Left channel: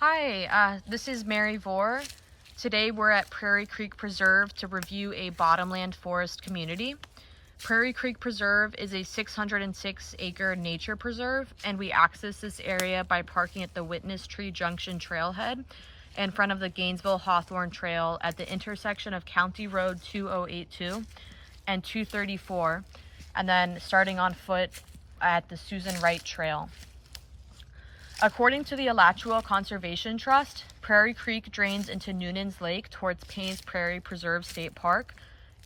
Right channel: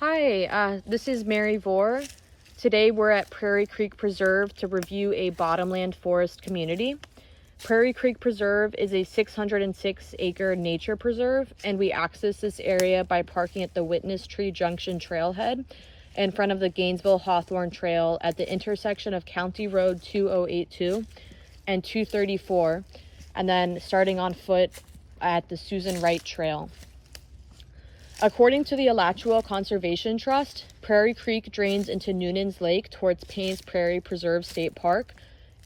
Hi, this is Mary Vore. Today we're at Prairie Creek Preserve to review a bottomland forest community. Prairie Creek Preserve is a 606-acre nature preserve, and we access this area by parking at the Witness Tree Junction trailhead in front of the Gainesville Hawthorne Trail at the intersection of County Road 2082 and 234, and then starting on foot at the Susan Wright Trail. According to the Alachua Conservation Trust, Prairie Creek drains into Noonan's Lake towards Payne's Prairie Preserve State Park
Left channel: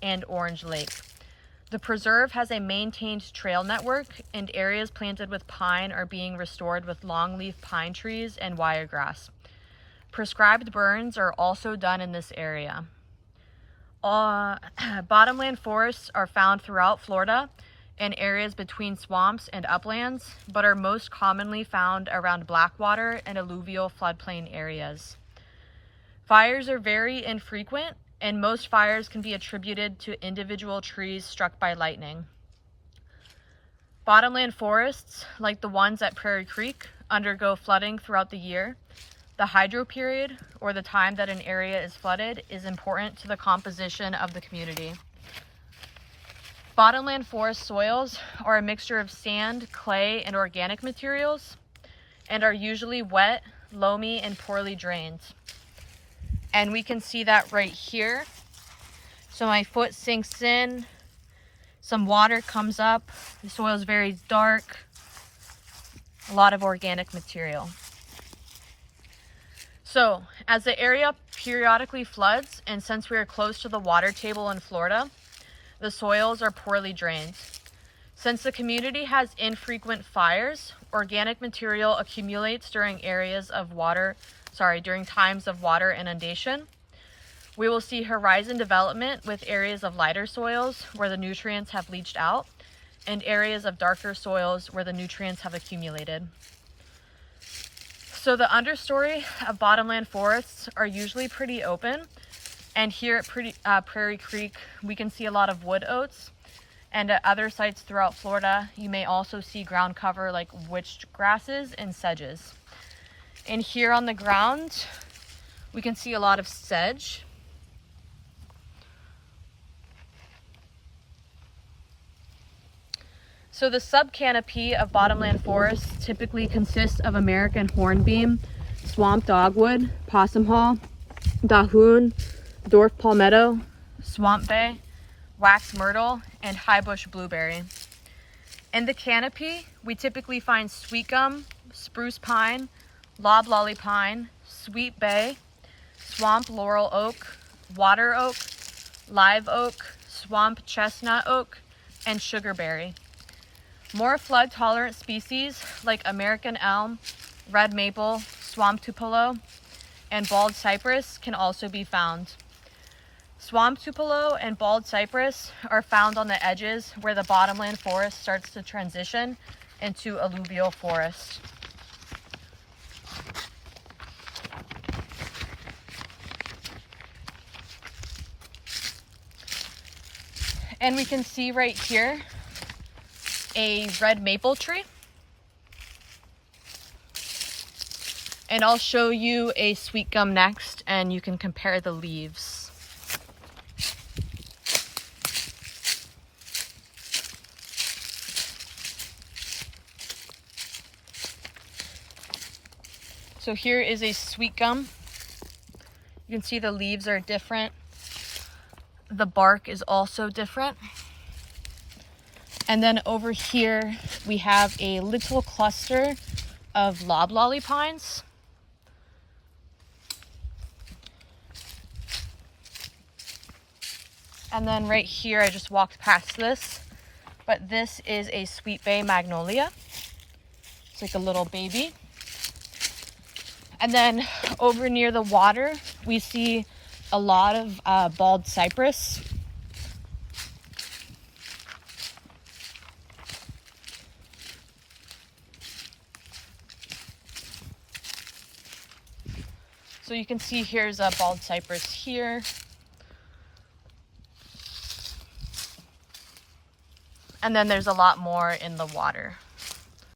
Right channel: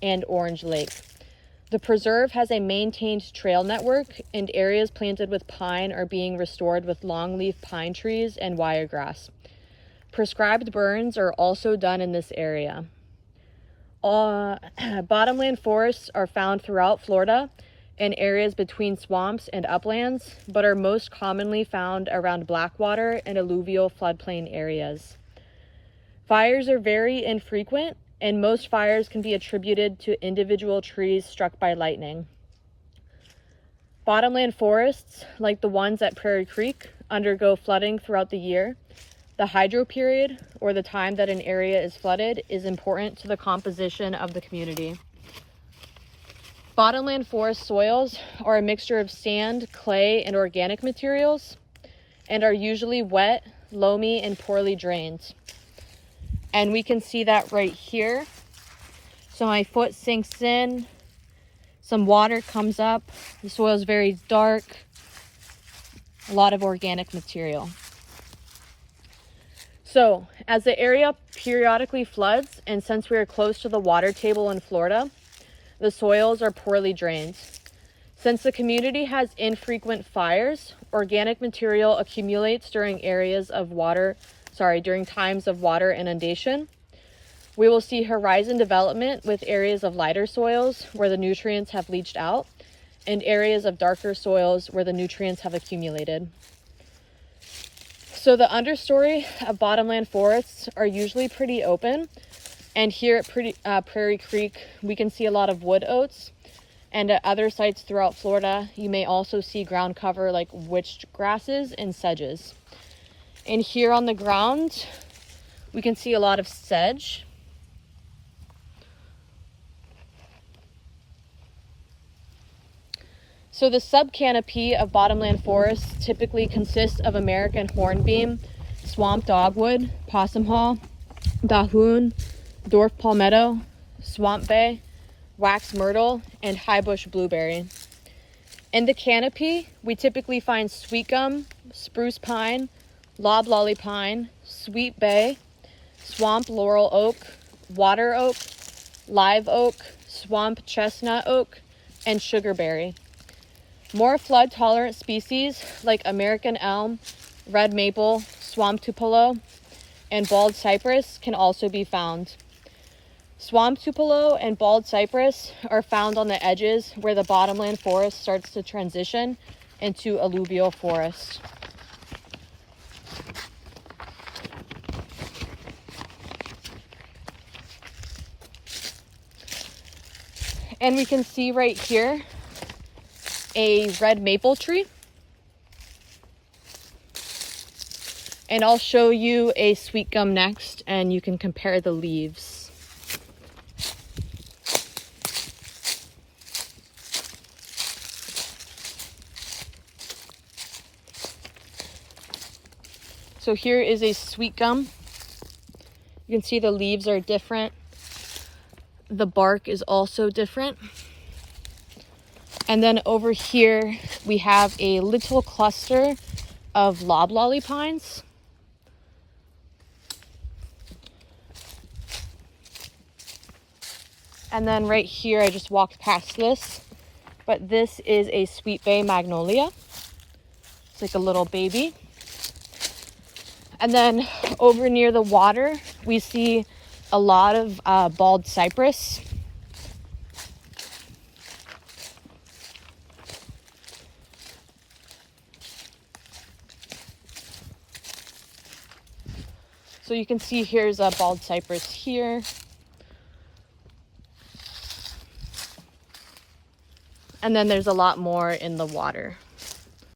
and Orange Lake. The preserve has a maintained trail network, and areas planted with pine are being restored with longleaf pine trees and wiregrass. Prescribed burns are also done in this area. Bottomland forests are found throughout Florida in areas between swamps and uplands, but are most commonly found around Blackwater and alluvial floodplain areas. Fires are very infrequent, and most fires can be attributed to individual trees struck by lightning. Bottomland forests, like the ones at Prairie Creek, undergo flooding throughout the year. The hydro period, or the time that an area is flooded, is important to the composition of the community. Bottomland forest soils are a mixture of sand, clay, and organic materials, and are usually wet, loamy, and poorly drained. And we can see that right here. So my foot sinks in, some water comes up, the soil is very dark, a lot of organic material. So as the area periodically floods, and since we are close to the water table in Florida, the soils are poorly drained. Since the community has infrequent fires, organic material accumulates during during times of water inundation. We will see horizon development with areas of lighter soils where the nutrients have leached out, and areas of darker soils where the nutrients have accumulated. So the understory of bottomland forests are usually pretty open. And here at Prairie Creek, we can see a lot of wood oats. And at other sites throughout Florida, you may also see ground cover like witch grasses and sedges. And here on the ground, we can see a lot of sedge. So the subcanopy of bottomland forests typically consists of American hornbeam, swamp dogwood, possum haw, dahoon, dwarf palmetto, swamp bay, wax myrtle, and highbush blueberry. In the canopy, we typically find sweet gum, spruce pine, loblolly pine, sweet bay, swamp laurel oak, water oak, live oak, swamp chestnut oak, and sugarberry. More flood-tolerant species like American elm, red maple, swamp tupelo, and bald cypress can also be found. Swamp tupelo and bald cypress are found on the edges where the bottomland forest starts to transition into alluvial forest. And we can see right here a red maple tree. And I'll show you a sweet gum next, and you can compare the leaves. So here is a sweet gum. You can see the leaves are different. The bark is also different. And then over here, we have a little cluster of loblolly pines. And then right here, I just walked past this, but this is a sweet bay magnolia. It's like a little baby. And then over near the water, we see a lot of bald cypress. So you can see here's a bald cypress here. And then there's a lot more in the water.